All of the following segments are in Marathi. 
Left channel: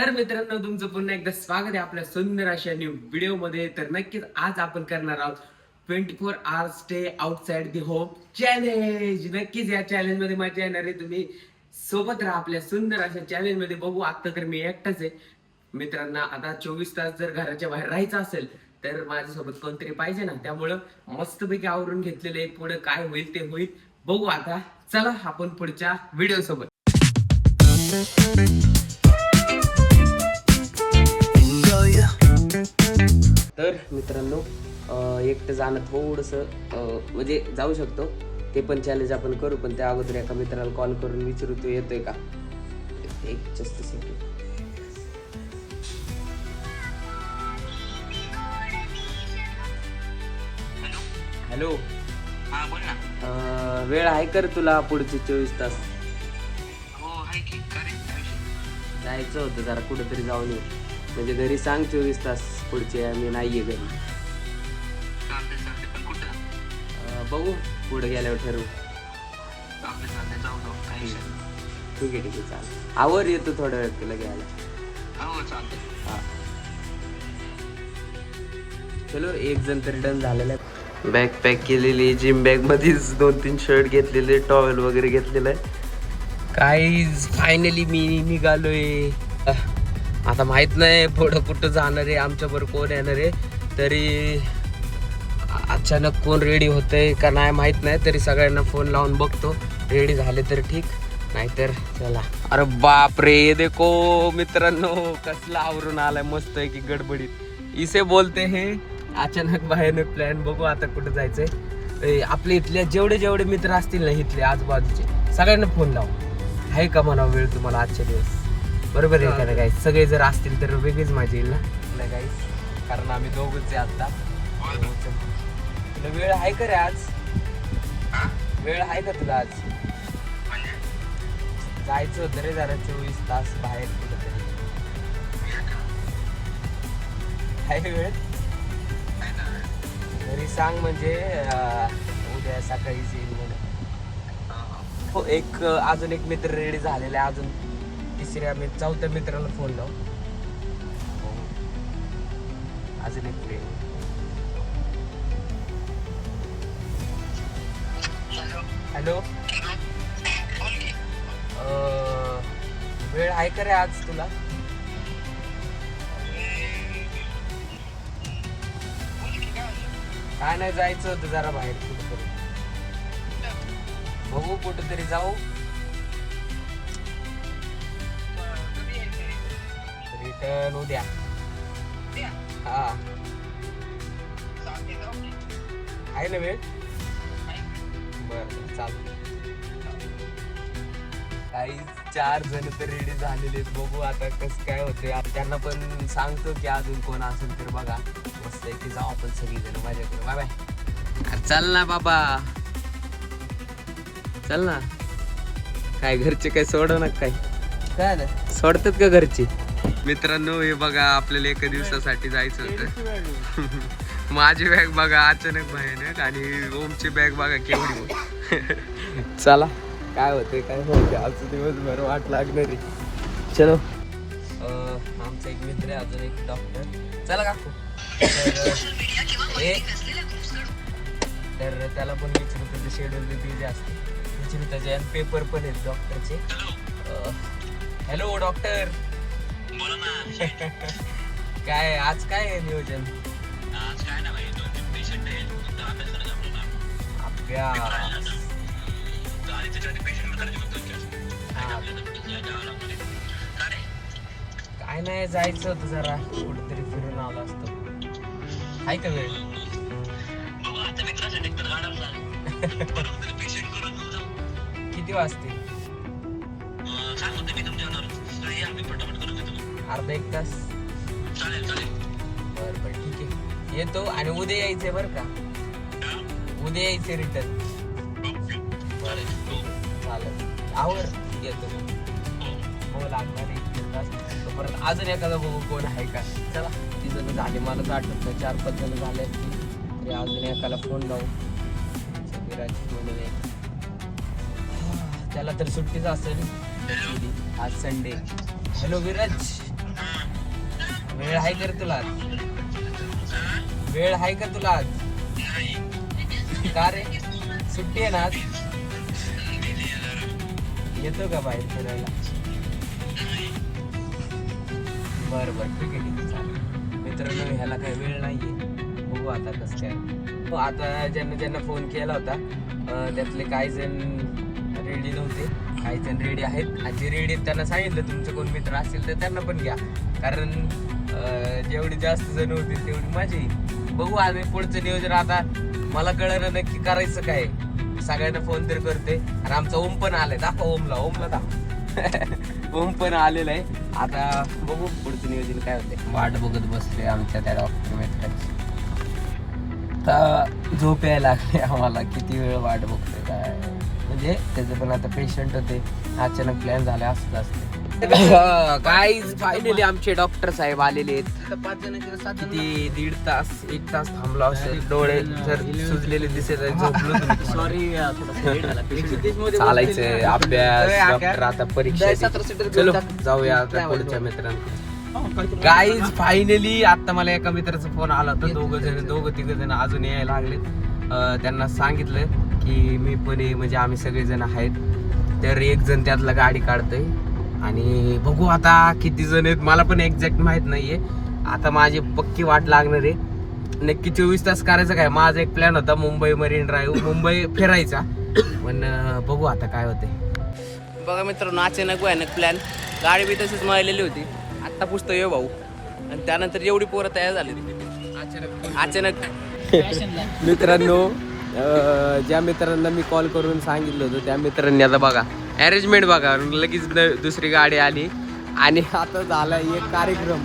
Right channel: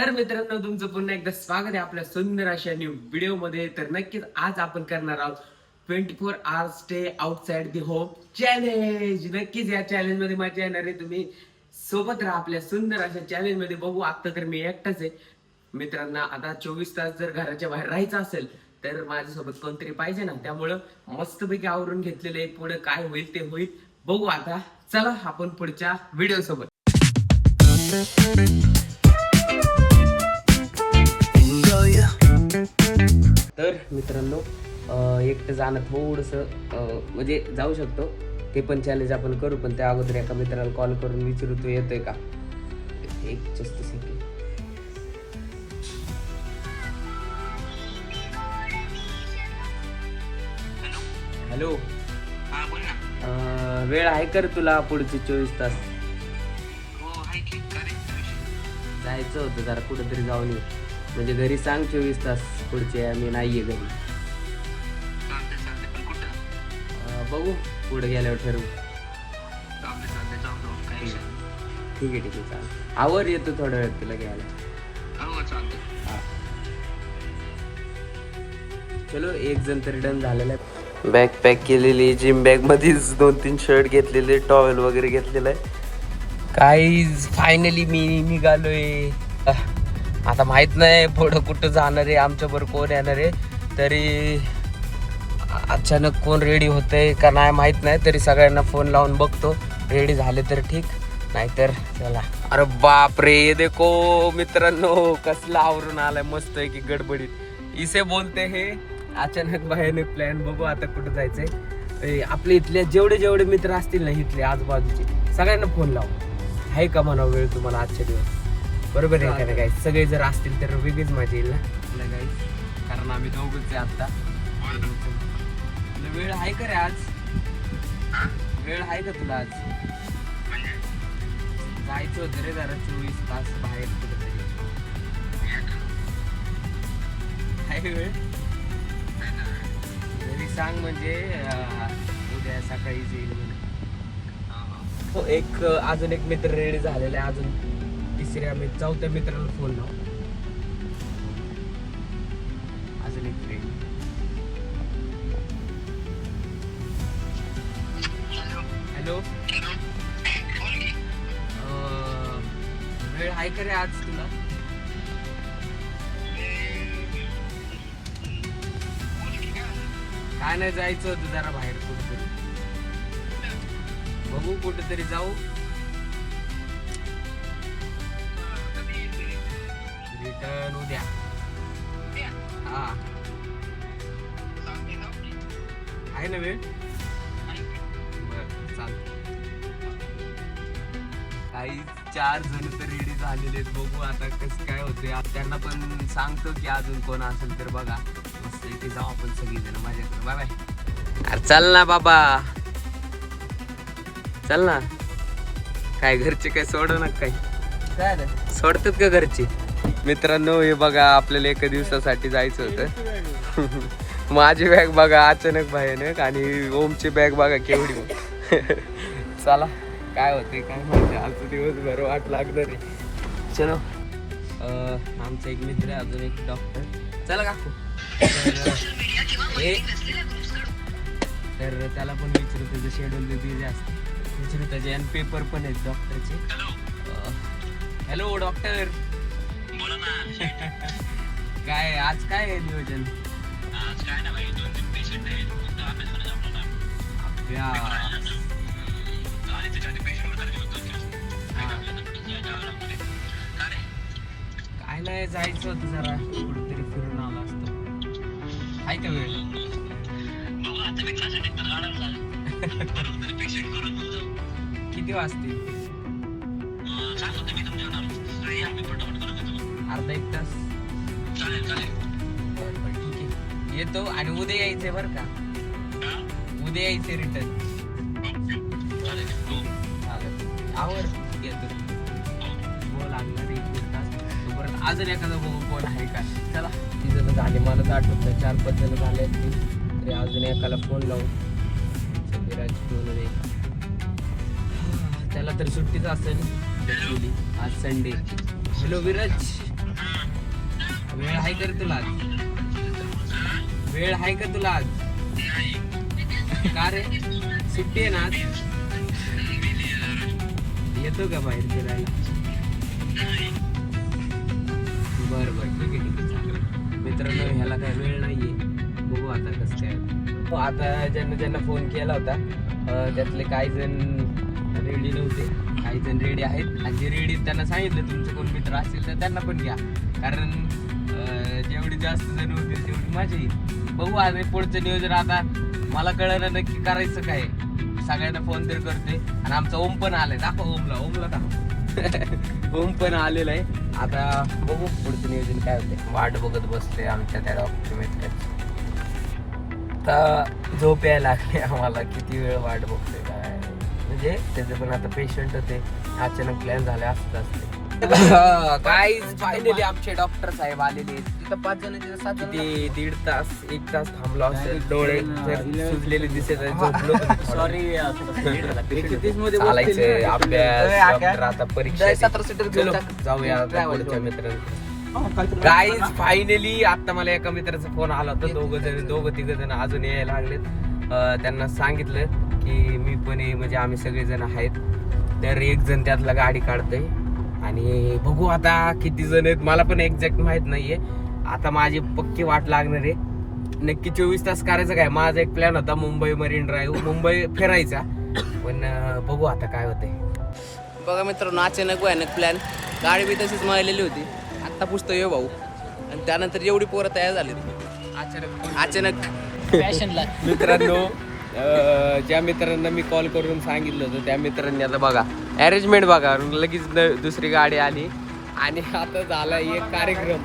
तर मित्रांनो, तुमचं पुन्हा एकदा स्वागत आहे आपल्या सुंदर अशा न्यू व्हिडिओ मध्ये. तर नक्कीच आज आपण करणार आहोत 24 hours stay outside the home challenge. नक्कीच या चॅलेंज मध्ये मजा येणार आहे. तुम्ही सोबत राहा आपल्या सुंदर अशा चॅलेंज मध्ये. बघू, आता तर मी एकटाच आहे मित्रांना. आता 24 तास जर घराच्या बाहेर राहायचं असेल तर माझ्यासोबत कोणतरी पाहिजे ना. त्यामुळं मस्तपैकी आवरून घेतलेले. पुढे काय होईल ते होईल, बघू. आता चला आपण पुढच्या व्हिडिओ सोबत. तर मित्रांनो, एकटं जाणं थोडस म्हणजे जाऊ शकतो, ते पण चॅलेंज आपण करू. पण त्या अगोदर एका मित्राला कॉल करून विचारू, तो येतोय का. एक जस्ट सेकंड. हॅलो, हा बोल ना. वेळ आहे कर तुला पुढचे 24 तास? हो आहे की. जायचं होतं जरा कुठेतरी जाऊन येऊ. म्हणजे घरी सांग 24 तास पुढचे मी नाहीये घरी. चालते पण कुठं? बघू पुढे गेल्यावर ठरवू. चालते जाऊ काही विषय नाही. ठीक आहे चालेल. आवर येतो थोड्या वेळ तुला घ्यायला. हो चालते. हा, चलो. एक जण तरी डन झालेला आहे. बॅग पॅक केलेली, जिम बॅग मध्येच 2-3 शर्ट घेतलेले, टॉवेल वगैरे घेतलेलं आहे. काही फायनली मी निघालोय. आता माहित नाही पुढं कुठं जाणार आहे, आमच्याबरोबर कोण येणार आहे. तरी अचानक कोण रेडी होतंय का नाही माहित नाही. तरी सगळ्यांना फोन लावून बघतो, रेडी झाले तर ठीक, नाहीतर चला. अरे बाप रे, ये देखो मित्रांनो, कसला आवरून आलाय मस्त आहे की गडबडीत. इसे बोलते हे अचानक भयानक प्लॅन. बघू आता कुठं जायचंय. आपले इथले जेवढे मित्र असतील ना, इथले आजूबाजूचे, सगळ्यांना फोन लावू. आहे का म्हणा वेळ तुम्हाला आजच्या दिवस? बरोबर आहे का नाही गाईस? सगळे जर असतील तर वेगळीच मजा येईल ना गाईस, कारण आम्ही दोघंच आहे आता. तुला वेळ आहे का रे आज? वेळ आहे का तुला आज? जायचं होतं रे जरा 24 तास बाहेर कुठंतरी. आहे वेळ? घरी सांग म्हणजे उद्या सकाळीच येईल म्हणे. हो, एक अजून एक मित्र रेडी झालेले, अजून चौथ्या मित्राला फोन लाव. अजून एक रेडी. हॅलो, वेळ आहे का रे आज तुला? काय नाही, जायचं होतं जरा बाहेर कुठेतरी. बघू कुठेतरी जाऊ. रिटर्न उद्या. हा, आहे ना वेळ? बरं चालतं. काही 4 जण तर रेडी झालेले आहेत. बघू आता कसं काय होते. त्यांना पण सांगतो की अजून कोण असेल तर बघा. मस्त आहे की जाऊ आपण सगळीजण मजा करू. Bye bye. अरे चल ना बाबा, चल ना. काय घरचे काय सोड ना? काय सोडतात का घरचे? मित्रांनो, हे बघा, आपल्याला एका दिवसासाठी जायचं होतं. माझी बॅग बघा अचानक भयानक, आणि ओमची बॅग बघा केवढी मग. चला, काय होते काय म्हणते आजचा दिवस बरं वाट लागणार आहे. चलो. आमचा एक मित्र आहे, अजून एक डॉक्टर. चला काकू. तर त्याला पण विचारू, त्याचं शेड्यूल बी बिझी असतं. विचारू त्याचे, आणि पेपर पण आहेत डॉक्टरचे. Hello doctor. काय आज काय आहे नियोजन? आज काय ना भाई, 2-3 पेशंट आहेत. काय नाही, जायचं होतं जरा कुठेतरी फिरून आलो असतो. आहे का वेळ? किती वाजतील? अर्धा 1 तास. बरं ठीक आहे, येतो. आणि उद्या यायचंय बरं का? उद्या यायचंय रिटर्न. चालेल, आवर येतो. हो, लागणार 1 तास. परत अजून एखादा बघू कोण आहे का. चला, 3 जण झाले, मला तर आठवत नाही. 4-5 जण झाले असतील. तरी अजून एकाला फोन लावू. त्याला तर सुट्टीच असेल, आज संडे. हॅलो विराज. वेळ आहे का रे तुला आज? वेळ आहे का तुला आज? का रे सुट्टी आहे ना आज? येतो का बाहेर फिरायला? बरं बरं ठीक आहे चालेल. मित्रांनो ह्याला काही वेळ नाहीये, बघू आता कसं काय. आता ज्यांना फोन केला होता त्यातले काही जण रेडी नव्हते, काही जण रेडी आहेत. आणि जे रेडी आहेत त्यांना सांगितलं तुमचे कोण मित्र असतील तर त्यांना पण घ्या, कारण जेवढे जास्त जण होतील तेवढी मजा येईल. बघू आम्ही पुढचं नियोजन. आता मला कळलं नक्की करायचं काय. सगळ्यांना फोन तर करते. आणि आमचा ओम पण आलाय, दाखवा ओमला दाखव. ओम पण आलेलं आहे. आता बघू पुढचं नियोजन काय होते. वाट बघत बसले आमच्या त्या डॉक्टर मित्राची. आता झोप यायला लागली आम्हाला, किती वेळ वाट बघते काय. म्हणजे त्याचे पण आता पेशंट होते, अचानक प्लॅन झाले असत असते. काय फायनली आमचे डॉक्टर साहेब आलेले आहेत. किती 1.5 तास 1 तास थांबला असेल. डोळे जर सुजलेले दिसत झोपलो सॉरी. चालायचंय अभ्यास. डॉक्टर आता परीक्षा. चलो जाऊया आता पुढच्या मित्रांकडे. गाईज फायनली आता मला एका मित्राचा फोन आला होता. दोघं तिघ जण अजून यायला लागलेत. त्यांना सांगितलं की मी पण म्हणजे आम्ही सगळेजण आहेत. तर एक जण त्यातला गाडी काढतोय आणि बघू आता किती जण आहेत. मला पण एक्झॅक्ट माहित नाहीये. आता माझी पक्की वाट लागणार आहे. नक्की 24 तास करायचं काय. माझा एक प्लॅन होता मुंबई मरीन ड्राईव्ह, मुंबई फिरायचा. पण बघू आता काय होते. बघा मित्रांनो अचानक भयानक प्लॅन. गाडी बी तशीच मळलेली होती. आत्ता पुसतो ये भाऊ. आणि त्यानंतर एवढी पोरं तयार झाली अचानक. मित्रांनो ज्या मित्रांना मी कॉल करून सांगितलं होतं त्या मित्रांनी आता बघा अरेंजमेंट बघा. लगेच दुसरी गाडी आली आणि आता झाला एक कार्यक्रम.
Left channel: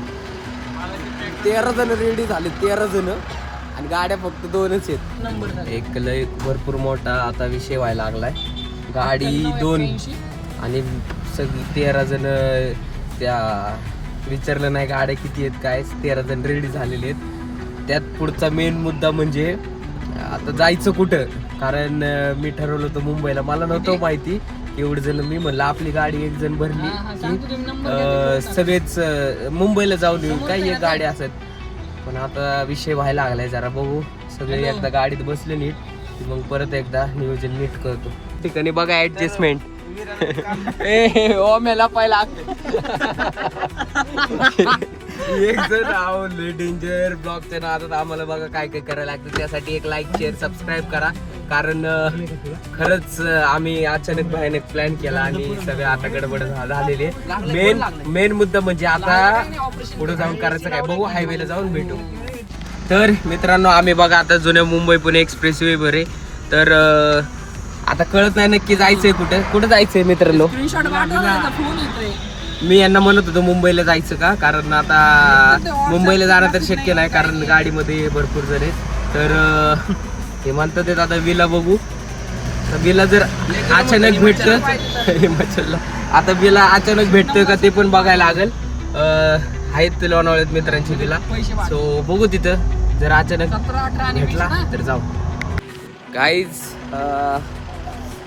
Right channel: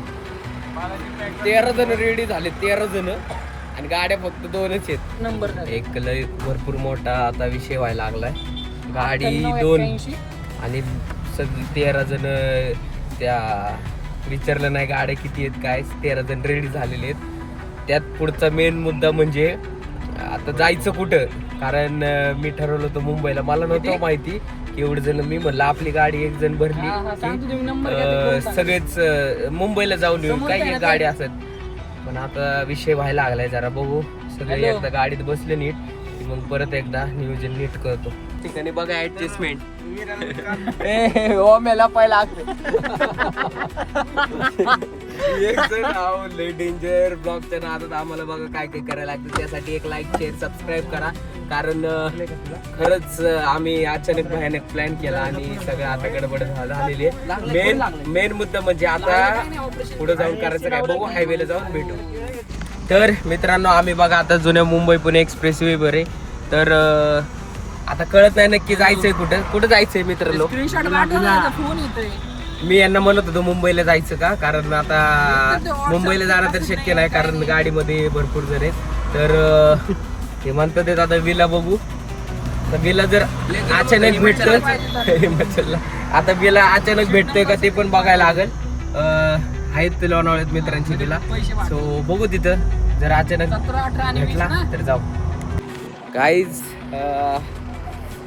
13 जण रेडी झाले, 13 जण. आणि गाड्या फक्त 2च आहेत. एक लय भरपूर मोठा आता विषय व्हायला लागलाय. गाडी 2 आणि सगळी 13 जण. त्या विचारलं नाही गाड्या किती आहेत काय. 13 जण रेडी झालेले आहेत. त्यात पुढचा मेन मुद्दा म्हणजे आता जायचं कुठं. कारण मी ठरवलं होतं मुंबईला. मला नव्हतं माहिती एवढं जण. मी म्हणलं आपली गाडी एक जण भरली की सगळेच मुंबईला जाऊन येऊ काय एक गाडी असत. पण आता विषय व्हायला लागलाय जरा. बघू सगळे एकदा गाडीत बसले नीट की मग परत एकदा नियोजन नीट करतो. ठिकाणी बघा ऍडजस्टमेंट. ओमेला पहिला एक जण लय डेंजर ब्लॉगच्या नादात आम्हाला बघा काय काय करायला लागतं. त्यासाठी एक लाईक शेअर सबस्क्राईब करा. कारण खरंच आम्ही अचानक भयानक प्लॅन केला आणि सगळं आता गडबड झालेली आहे. मेन मुद्दा म्हणजे आता पुढे जाऊन करायचं काय. बघू हायवेला जाऊन भेटू. तर मित्रांनो आम्ही बघा आता जुन्या मुंबई पुणे एक्सप्रेस वे वर आहे. तर आता कळत नाही नक्की जायचंय कुठं जायचंय मित्रांनो. मी यांना म्हणत होतो मुंबईला जायचं का. कारण आता मुंबईला जाणं तर शक्य नाही कारण गाडीमध्ये भरपूर जण आहेत. तर हे म्हणतात आता विला बघू. तर विला जर अचानक भेटतोय आता विला अचानक भेटतोय का ते पण बघायला लागेल. आहेत लोणावळ्यात मित्रांची विला. सो बघू तिथं जर अचानक भेटला तर जाऊ.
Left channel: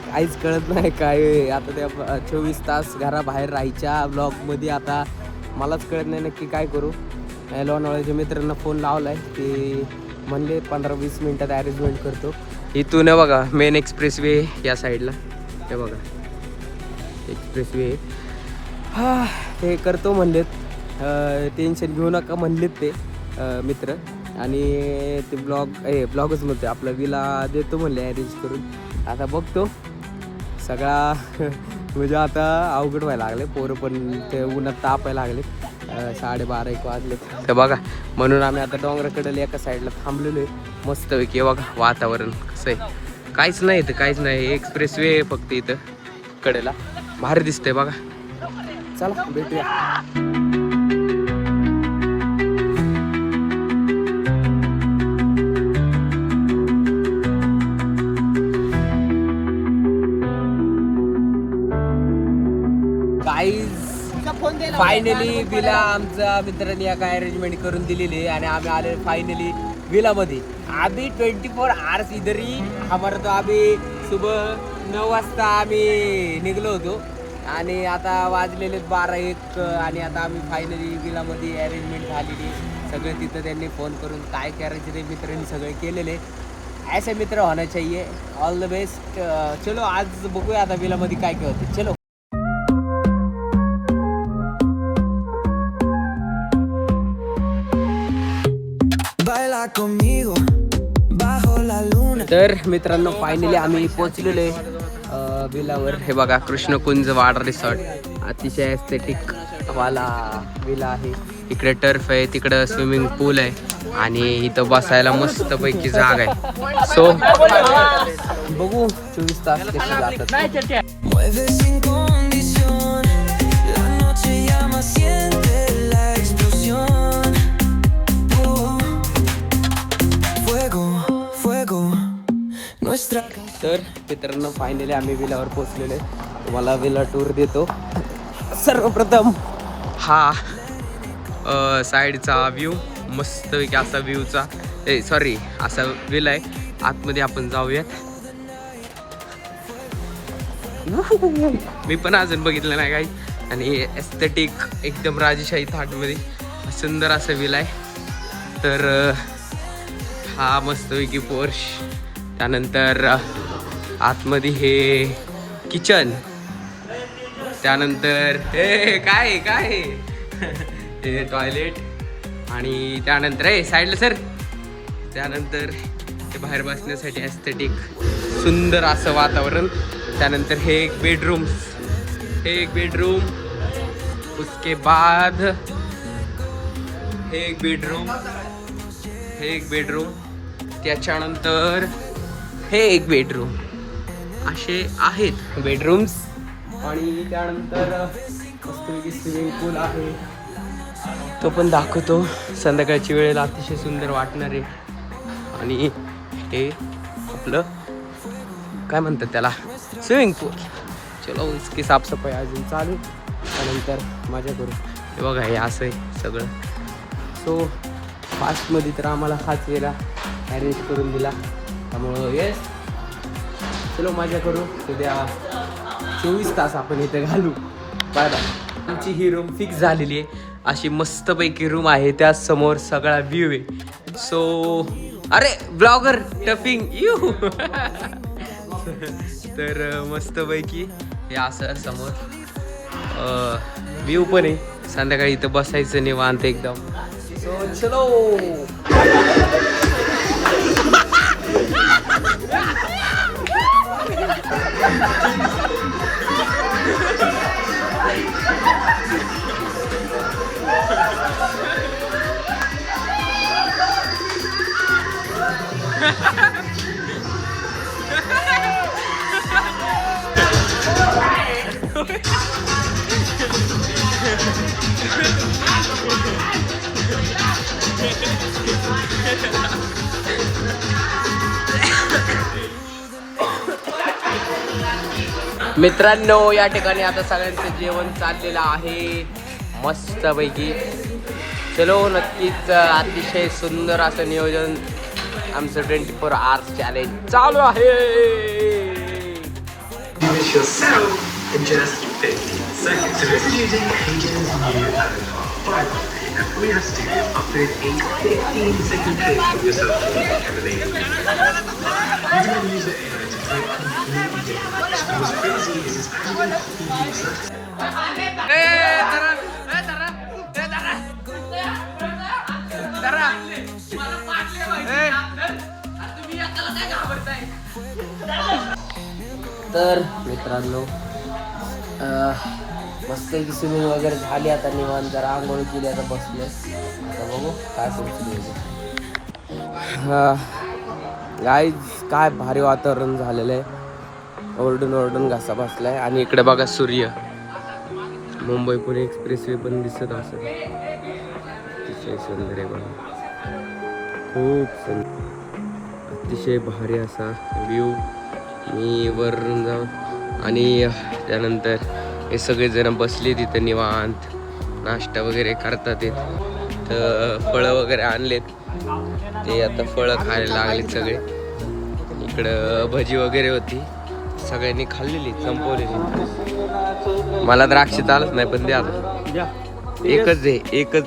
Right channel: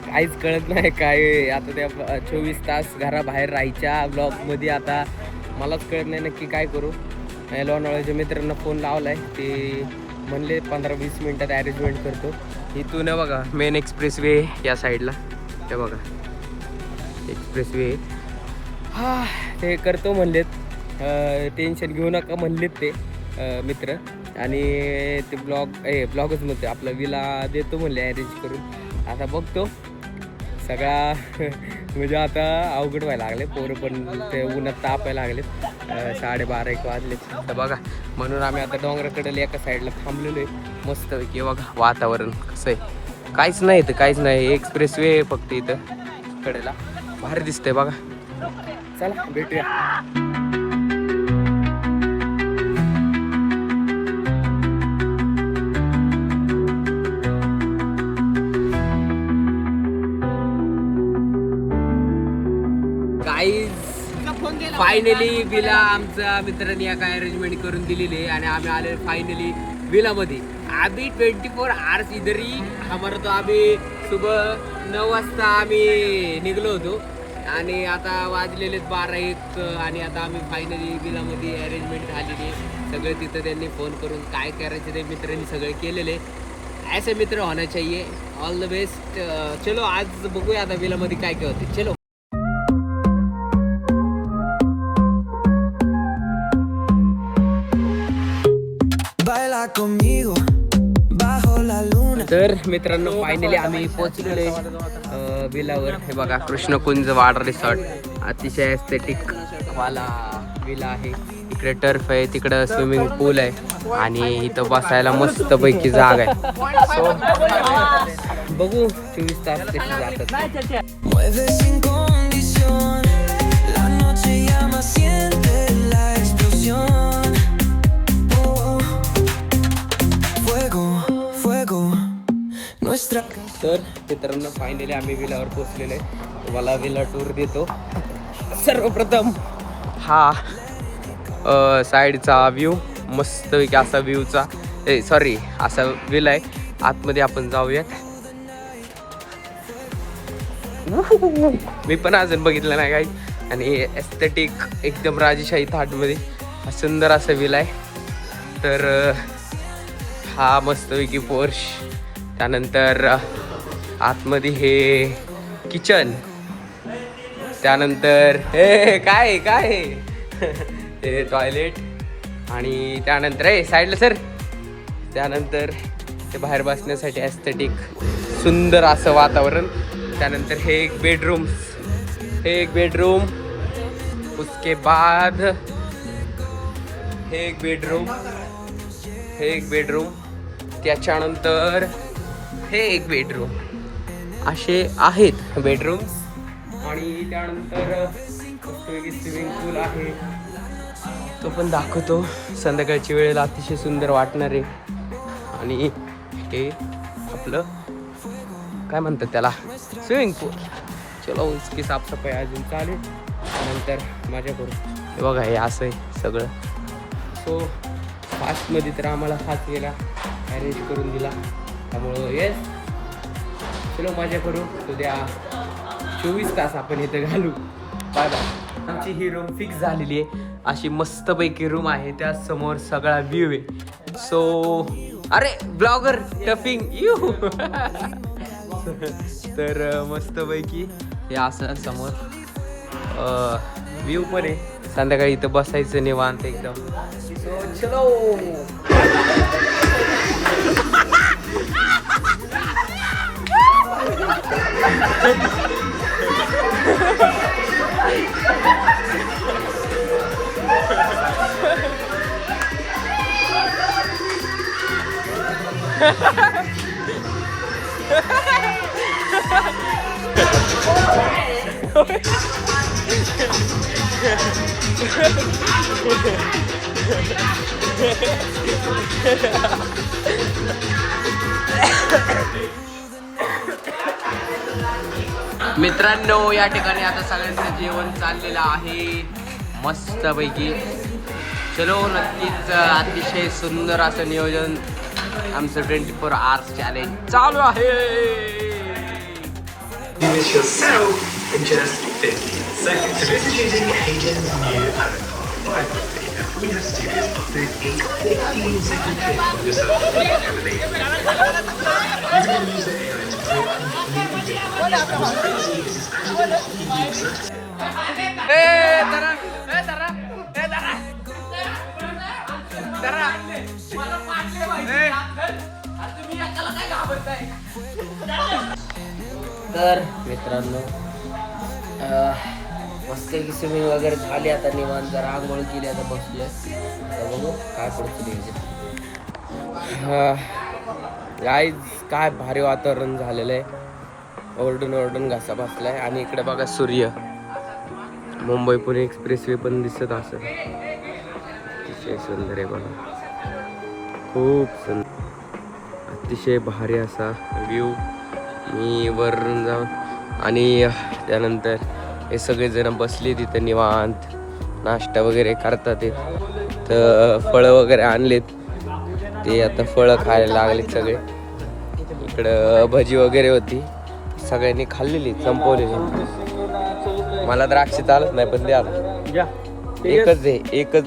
काहीच कळत नाही काय. आता त्या 24 तास घराबाहेर राहायच्या ब्लॉगमध्ये आता मलाच कळत नाही नक्की काय करू. लोणावळ्याच्या मित्रांना फोन लावलाय. ते म्हणले 15-20 मिनिटात अरेंजमेंट करतो. इथून बघा मेन एक्सप्रेस वे या साईडला. हे बघा एक्सप्रेस वे ते करतो म्हणलेत. टेन्शन घेऊ नका म्हणलेत ते मित्र. आणि ते ब्लॉगच नव्हते आपला विला देतो म्हणले अरेंज करून. आता बघतो सगळा म्हणजे आता अवघड व्हायला लागले. पोरं पण ते उन्हात तापायला लागलेत. 12:30-1 वाजले तर बघा. म्हणून आम्ही आता डोंगराकडे एका साईडला थांबलेलो आहे मस्तपैकी. बघा वातावरण कसं आहे. काहीच नाही इथं, काहीच नाही. एक्सप्रेस वे फक्त इथं कडेला भारी दिसतंय बघा. चला भेटूया. फायनली विला आमच्या मित्रांनी काय अरेंजमेंट करून दिलेली आहे आणि आम्ही आले फायनली विला मध्ये. अभी 24 आवर्स इधर ही हमारा. तो अभी सुबह 9 वाजता आम्ही निघलो होतो आणि आता वाजलेले 12-1 आणि आता आम्ही फायनली विलामध्ये अरेंजमेंट झालेली सगळं तिथं त्यांनी फोन करून काय करायचं ते मित्रांनी सगळे केलेले. ऐसे मित्र होना चाहिए. All the best. चलो आज बघूया आता विलामध्ये काय काय होते. चलो. तर मित्रांनो फायनली आम्ही पोहोचलेलो विलावर. हे बघा कृष्णकुंज वाटर रिसॉर्ट. अतिशय एस्थेटिक वाला विला आहे. इकडे टर्फ आहे, तिकडं स्विमिंग पूल आहे आणि इथं बसायला मस्त पैकी जागा आहे. सो बघू 24 तास कशी जातात. तर मित्रांनो फायनली आम्ही विलावर पोहोचलेलो आहे. तुम्हाला विला टूर देतो. सर्वप्रथम हा साईडचा व्ह्यू मस्तपैकी असा व्ह्यूचा सॉरी असा विला आहे. आतमध्ये आपण जाऊयात. मी पण अजून बघितलं नाही काही. आणि एस्थेटिक एकदम राजेशाही थाटमध्ये सुंदर असं विला आहे. तर हा मस्तपैकी पोर्श. त्यानंतर आतमध्ये हे किचन. त्यानंतर हे काय काय हे टॉयलेट. आणि त्यानंतर हे साईडला सर. त्यानंतर हे बाहेर बसण्यासाठी एस्थेटिक सुंदर असं वातावरण. त्यानंतर हे एक बेडरूम. हे एक बेडरूम. उसके बाद हे एक बेडरूम. हे एक बेडरूम. त्याच्यानंतर हे एक बेडरूम. असे आहेत बेडरूम्स. आणि त्यानंतर मस्तपैकी स्विमिंग पूल आहे. तो पण दाखवतो. संध्याकाळची वेळेला अतिशय सुंदर वाटणार आहे. आणि हे आपलं काय म्हणतात त्याला स्विमिंग पूल. चलो इसकी साफसफाई अजून चालू आहे. त्यानंतर माझ्या करू हे बघा हे असं आहे सगळं. सो फास्टमध्ये तर आम्हाला हाच वेळेला अरेंज करून दिला. त्यामुळं येस चलो माझ्या करू. उद्या 24 तास आपण इथे घालू. Bye bye. आमची ही रूम फिक्स झालेली आहे. अशी मस्तपैकी रूम आहे. त्या समोर सगळा व्ह्यू आहे. सो अरे ब्लॉगर टफिंग यू. तर मस्तपैकी हे असं समोर व्ह्यू पण आहे. संध्याकाळी इथं बसायचं निवांत एकदम. सो चलो. मित्रांनो या ठिकाणी आता सगळ्यांचं जेवण चाललेलं आहे मस्तपैकी. चलो नक्कीच अतिशय सुंदर असं नियोजन आमचं 24 आवर्स चॅलेंज चालू आहे. तर मित्रांनो मस्त स्विमिंग वगैरे झाली. आता निवांत जरा आंघोळ केली. आता बसले. आता बघू काय पुढचं. गाईज काय भारी वातावरण झालेलं आहे. ओरडून ओरडून घासा बसलाय. आणि इकडे बघा सूर्य. मुंबई पुणे एक्सप्रेस वे पण दिसत असं. अतिशय सुंदर आहे बघा. खूप सुंदर अतिशय भारी असा व्ह्यू. मी वरून जाऊन आणि त्यानंतर हे सगळेजण बसले तिथं निवांत नाश्ता वगैरे करतात. तर फळं वगैरे आणलेत. ते आता फळं खायला लागलेत सगळे. इकडं भजी वगैरे होती. सगळ्यांनी खाल्लेली संपवलेली. मला द्राक्ष चालत नाही पण द्या एकच आहे एकच.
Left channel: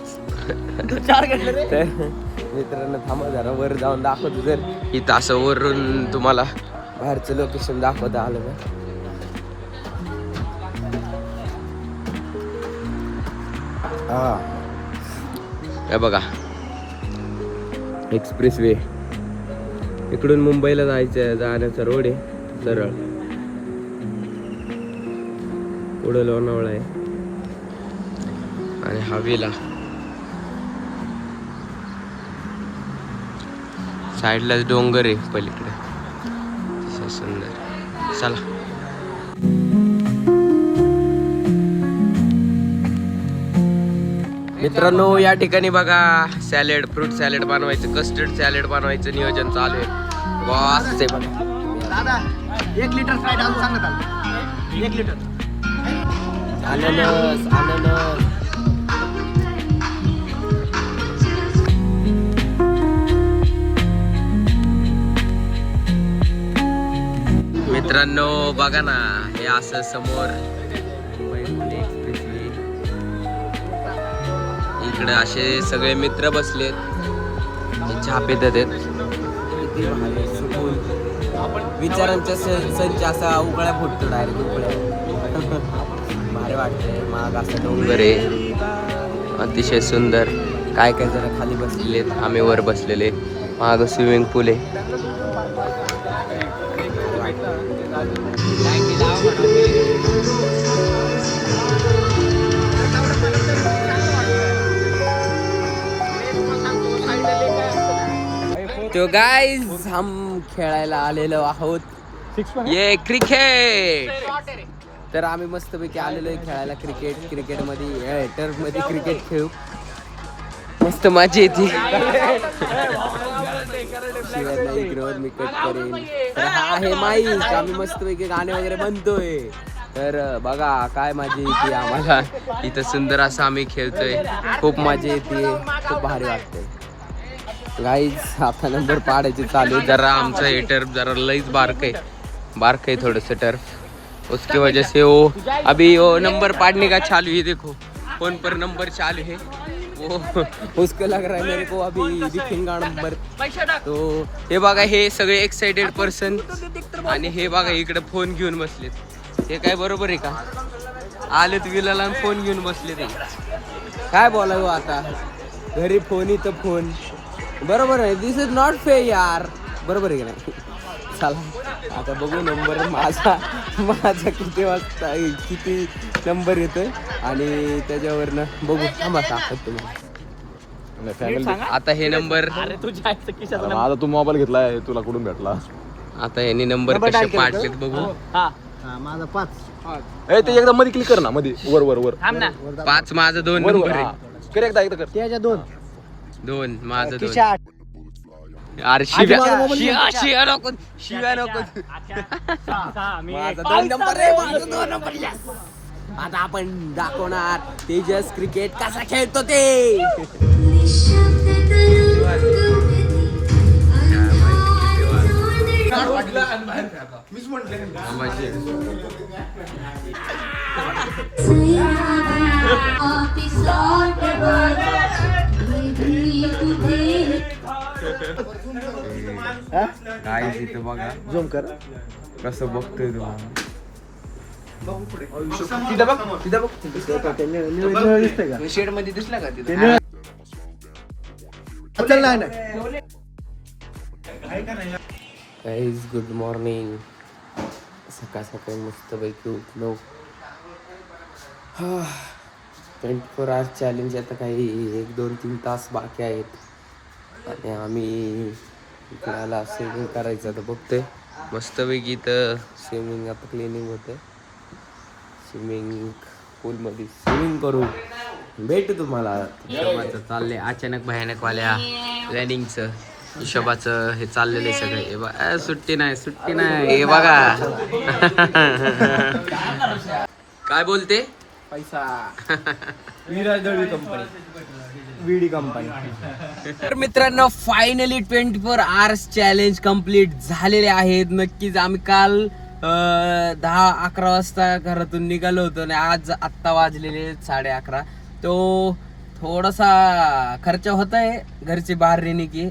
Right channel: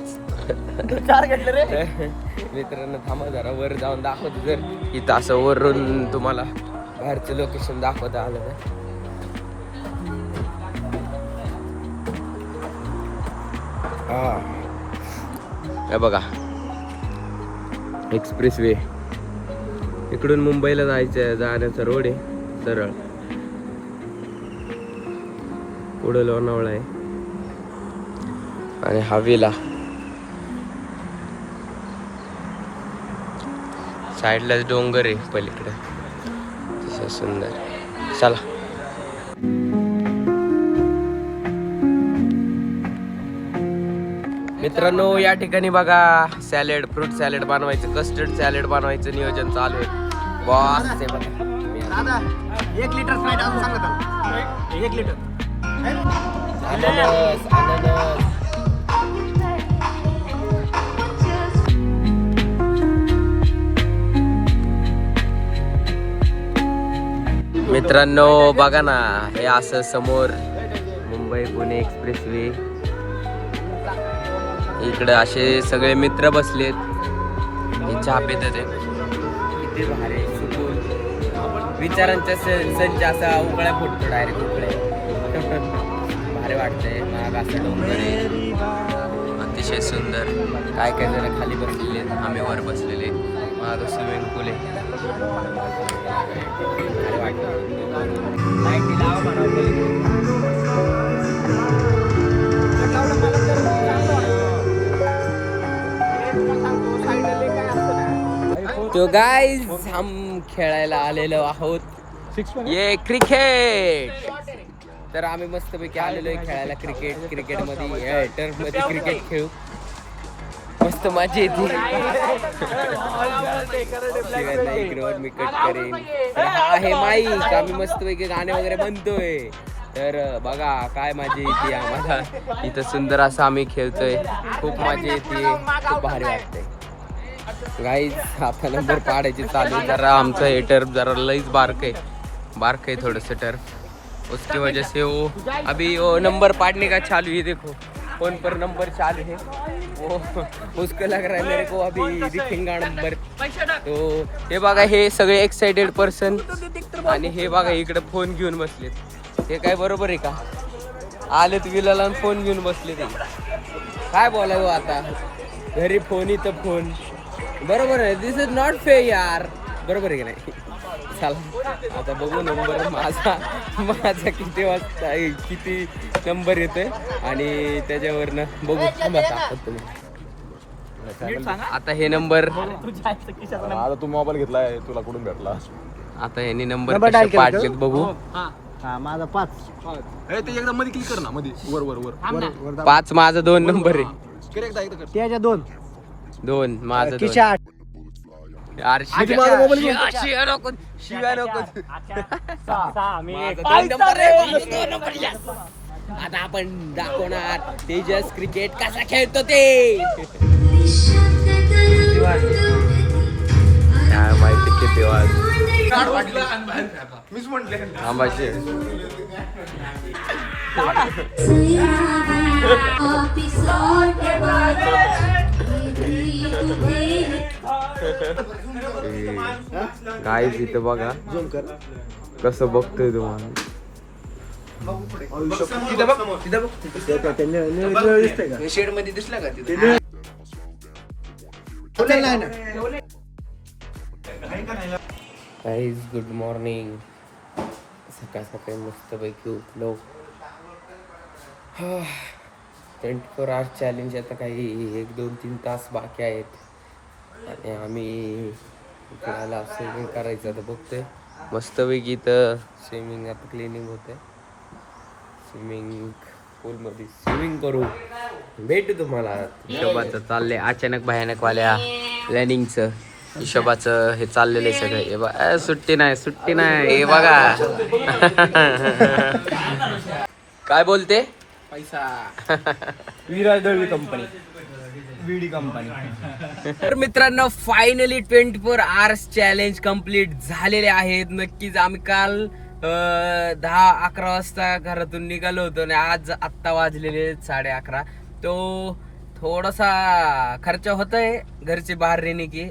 मित्रांनो थांबा जरा वर जाऊन दाखवतो जर इथं असं वरून तुम्हाला बाहेरचं लोकेशन दाखवता आलं ना. हे बघा एक्सप्रेस वे, इकडून मुंबईला जाण्याचा रोड आहे सरळ. पुढं लोणावळा आहे आणि हवेला साईडला डोंगर आहे पलीकडे. सुंदर. चला मित्रांनो या ठिकाणी बघा सॅलेड, फ्रूट सॅलेड बनवायचं, कस्टर्ड सॅलेड बनवायचं नियोजन चालू आहे. बॉस ते बघा 1 लिटर स्प्राइट अजून सांगत आला 1 लिटर अननस अननस. मित्रांनो बघा ना हे असं समोर मुंबई पुणे एक्सप्रेस वे. इकडे असे सगळे मित्र बसलेत, चहा पित आहेत. किती भारी सुकून विचारांचा संच असा उकळ्या फुटतो डायरेक्ट उकळ्या. भारी वाटतंय. माग असं डोंगर आहे अतिशय सुंदर. काय काय जरा खाली बसलेले, आम्ही वर बसलेले. माग स्विमिंग पूल आहे. भारी वाटतं. तो गाइस हम खेळायला आलेलो आहोत ये क्रिकेट. तर आम्ही मस्तपैकी आलेलो आहे खेळायला क्रिकेटमध्ये टर्फमध्ये क्रिकेट खेळू. मस्त मजा येते. शिवाय नाही इकडे मी कट करेन. तर हा आहे माईक. आम्ही मस्तपैकी गाणे वगैरे म्हणतोय. तर बघा काय मजा येते आम्हाला इथं. सुंदर असं आम्ही खेळतोय. खूप मजा येते. खूप भारी वाटतंय. गाईज आता नंबर पाडायचे चालू. जरा आमचं हे टर्फ जरा लईच बारक है थोड़स टर्फ. उसकी वजह से वो अभी वो नंबर पाड़ने का चालू है. देखो फोन पर नंबर चालू है. वो उसको लग रहा है मेरे को अभी दिखेगा नंबर. तो हे बघा हे सगळे एक्साइटेड पर्सन आणि हे बघा इकडे फोन घेऊन बसलेत. हे काय बरोबर आहे का? आलेत विलाला फोन घेऊन बसले. ते काय बोलावं आता. घरी फोन इथं फोन. बरोबर आहे. दिस इज नॉट फेअर यार. बरोबर आहे की नाही. चला आता बघू नंबर माझा किती वाजता किती नंबर येतोय आणि त्याच्यावरनं बघू. थांबा सांगतात तुम्हाला. आता हे नंबर आता तू मोबाईल घेतलाय तुला कुठून भेटला. आता यांनी नंबर कसे पाडलेत बघू. माझा 5 ते एकदा मध्ये क्लिक कर ना. मध्ये वर वर वर 5 माझा 2 नंबर आहे. कर एकदा एकदा कर. त्याच्या 2 माझं 2. किशा 8 यार शिव्या नको. माझा 2 नंबर आहे. माझा 2 नंबर. यस. आता आपण दाखवणार तेजस क्रिकेट कसा खेळतो ते. काय माहिती किती वाज मीच म्हटले थांबायचे. गाईस इथं बघा झूम कर कसं बघतोय तुम्हाला. शेड मध्ये दिसला का तिथे. Guys good morning. सकाळ सकाळी मस्तपैकी उठलो. 24 आवर्स चॅलेंज आता काही 1, 2, 3 तास बाकी आहेत आणि आम्ही इकडे स्विमिंग करायचं आता बघतोय. मस्तपैकी इथं स्विमिंग आता क्लिनिंग होतं. स्विमिंग पूलमध्ये स्विमिंग करू. भेटू तुम्हाला. हिशोबाचं चाललंय अचानक भयानकवाल्या प्लॅनिंगचं. हिशोबाचं हे चाललेलं आहे सगळं. हे बघा सुट्टी नाही. हे बघा काय बोलते पैसा विडी कंपनी. तर मित्रांनो फायनली 24 आवर्स चॅलेंज कम्प्लीट झालेले आहेत. नक्कीच आम्ही काल 10-11 वाजता घरातून निघालो होतो आणि आज आत्ता वाजलेले 11:30. तो थोडासा खर्च होतोय घरचे बाहेर रहने के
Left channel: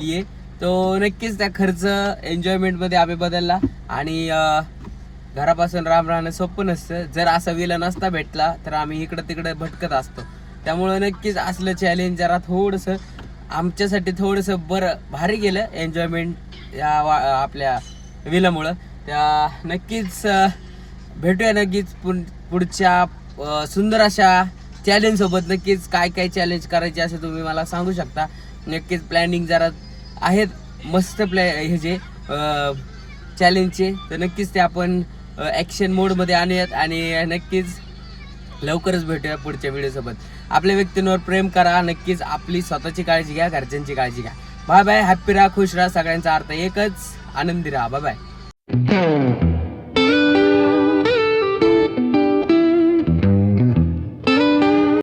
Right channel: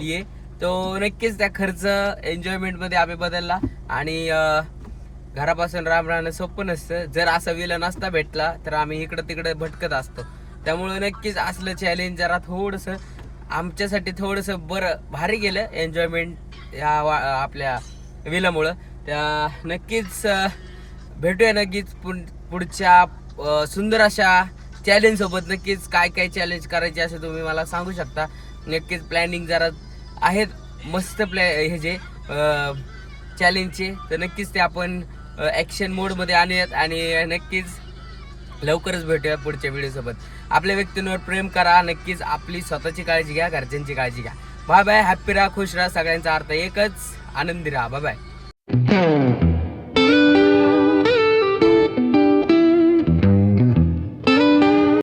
लिए, तो नक्कीच त्या खर्च एन्जॉयमेंट मध्ये आम्ही बदलला. आणि घरापासून राम राहणं सोपं नसतं. जर असा विला नसता भेटला तर आम्ही इकडं तिकडं भटकत असतो. त्यामुळं नक्कीच असलं चॅलेंज जरा थोडंसं आमच्यासाठी थोडंसं बरं भारी गेलं एन्जॉयमेंट या आपल्या विलामुळं. त्या नक्कीच भेटूया नक्कीच पुढच्या सुंदर अशा चॅलेंज सोबत. नक्कीच काय काय चॅलेंज करायचे असं तुम्ही मला सांगू शकता. नक्कीच प्लॅनिंग जरा आहेत मस्त हे जे चॅलेंजचे, तर नक्कीच ते आपण ॲक्शन मोडमध्ये आणूयात आणि नक्कीच लवकरच भेटूया पुढच्या व्हिडिओसोबत. आपल्या व्यक्तींवर प्रेम करा, नक्कीच आपली स्वतःची काळजी घ्या, घरच्यांची काळजी घ्या. Bye bye. हॅप्पी राहा, खुश राहा. सगळ्यांचा अर्थ एकच, आनंदी राहा. Bye bye.